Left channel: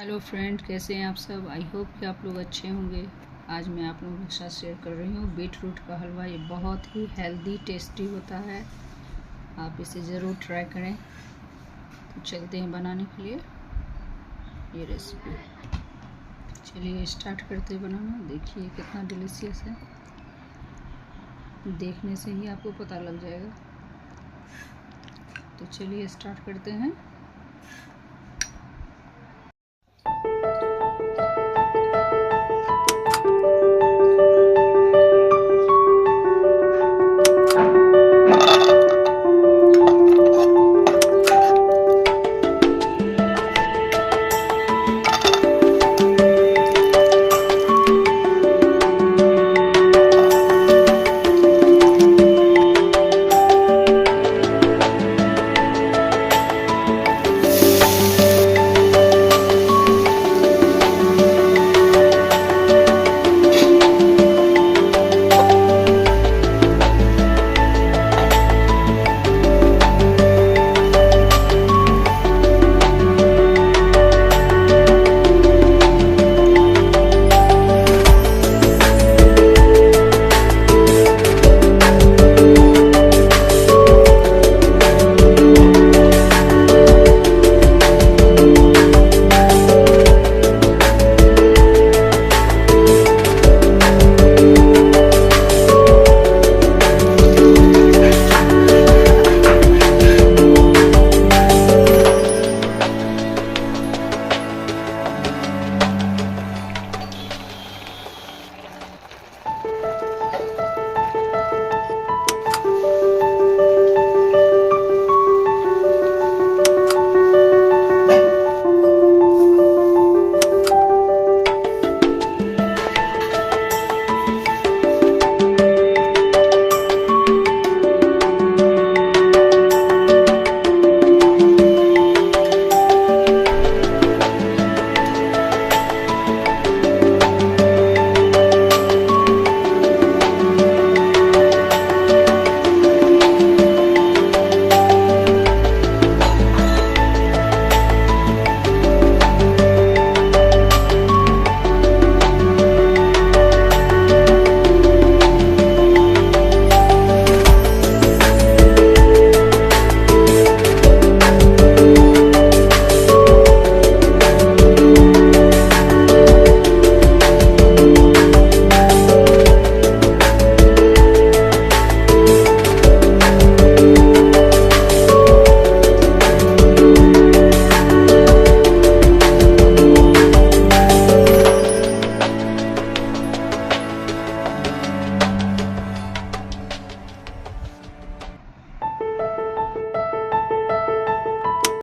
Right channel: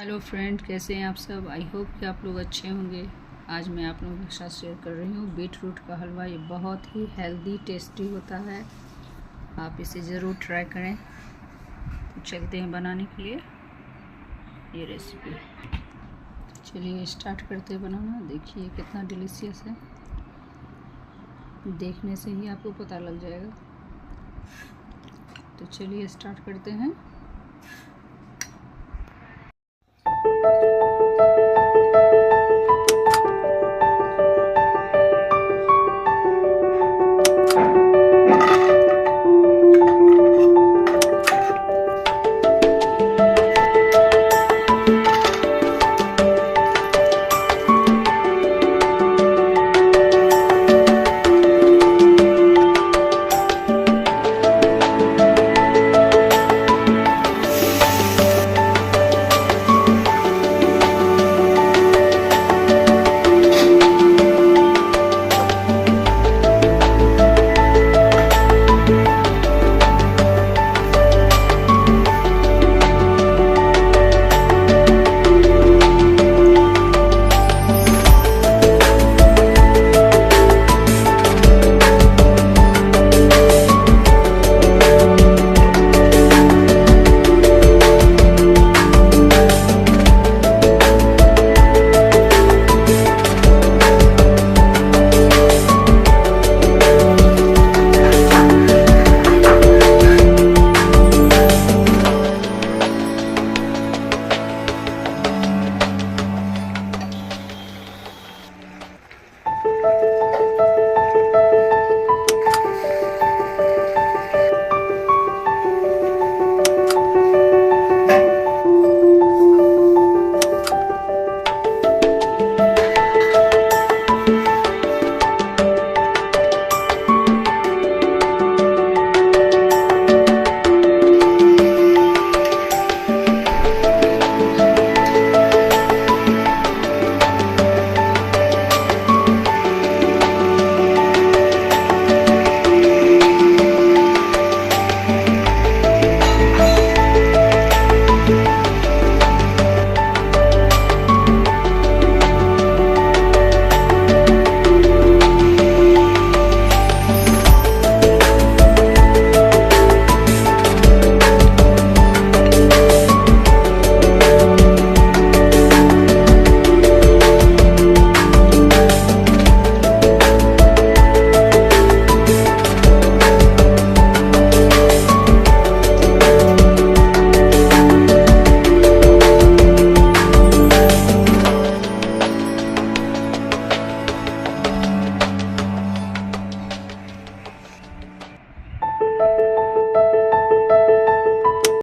Hello friend, कैसे हैं आप सब। आई होप कि आप लोग अच्छे होंगे। आज मैं आप लोगों के साथ शेयर कर रही हूँ बीटरूट का हलवा। ये बहुत ही हेल्दी टेस्टी होता है, आप इसे ज़रूर ट्राई करें। तो चलते हैं बनाने के लिए ये रेसिपी। चलिए स्टार्ट करते हैं बनाना। देखिए कितना डिलीशियस है, देखने से ही आपको पता लग जाएगा। तो चलिए स्टार्ट करते हैं।